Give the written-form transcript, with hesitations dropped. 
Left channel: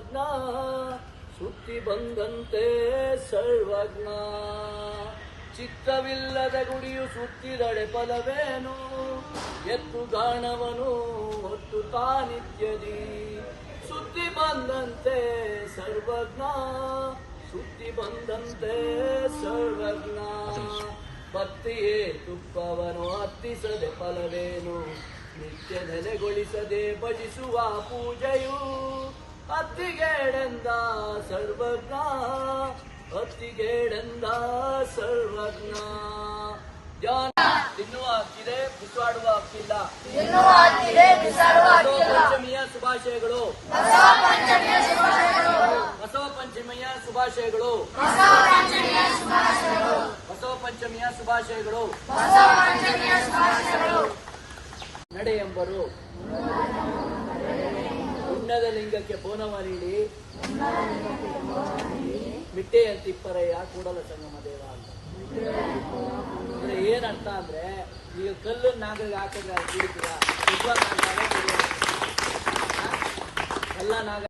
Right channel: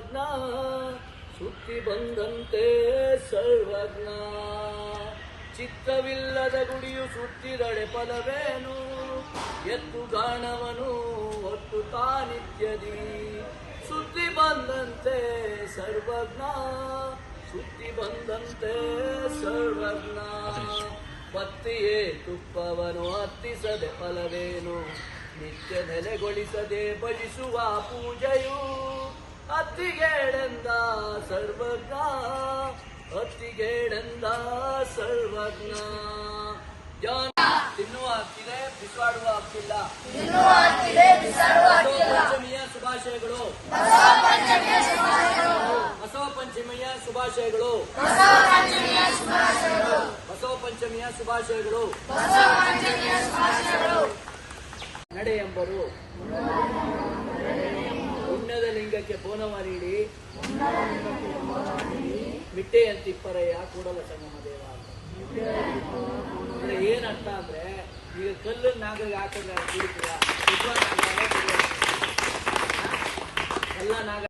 ಸರ್ವಜ್ಞ ಸುತ್ತಿ ಬಂದಂತೆ ಸರ್ವಜ್ಞ ಚಿತ್ತವಿಲ್ಲದ ಗುಡಿಯು ಸುತ್ತಿದಳೆ ಫಲವೇನು ಎತ್ತು ಗಾಣವನು ಒಟ್ಟು ತಾನಿತ್ಯದಿ ಸುತ್ತಿ ಬಂದಂತೆ ಸರ್ವಜ್ಞ ಸುತ್ತಿ ಬಂದಂತೆ ಸರ್ವಜ್ಞ ಬತ್ತಿಯೇ ತುಪ್ಪವನು ಹತ್ತಿಸದೆ ಫಲವೇನು ನಿತ್ಯ ನೆಲೆಗೊಳಿಸದೆ ಭಜಿಸುವ ಪೂಜೆಯು ಅತ್ತಿಗೇಡೆಂದ ಸರ್ವಜ್ಞ ಅತ್ತಿಗೇಡೆಂದ ಸರ್ವಜ್ಞ ಜಾನ್ ತಿನ್ನುವ ಹಕ್ಕಿದೆ ಬಿಸಾಡುವ ಹಕ್ಕಿಲ್ಲ ಪಂಚಮಿಯ ಶುಭಾಶಯಗಳು ಬಸವ ಪಂಚಮಿಯ ಶುಭಾಶಯಗಳು ಬಸವ ಪಂಚಮಿಯ ಶುಭಾಶಯಗಳು ನಡೆ ಎಂಬರು ಉನ್ನದ ಲಿಂಗಕ್ಕೆ ಬೋನವ ನೀಡಿ ಮಿಟ್ಟೆಯಂತಿಪ್ಪರೆಯ ಕೂಡಲ ಸಂಗಮ ದೇವ ಅಂತ ಅಂದ್ರೆ ಏನರ್ಥ ಅಂದ್ರೆ ಈಗ ಕಲ್ಲು ನಾಗರಿಗೆ ಹಾಕಿದ್ರೆ ಕುಡಿತೀರ ಎಲ್ಲ ನಾಗ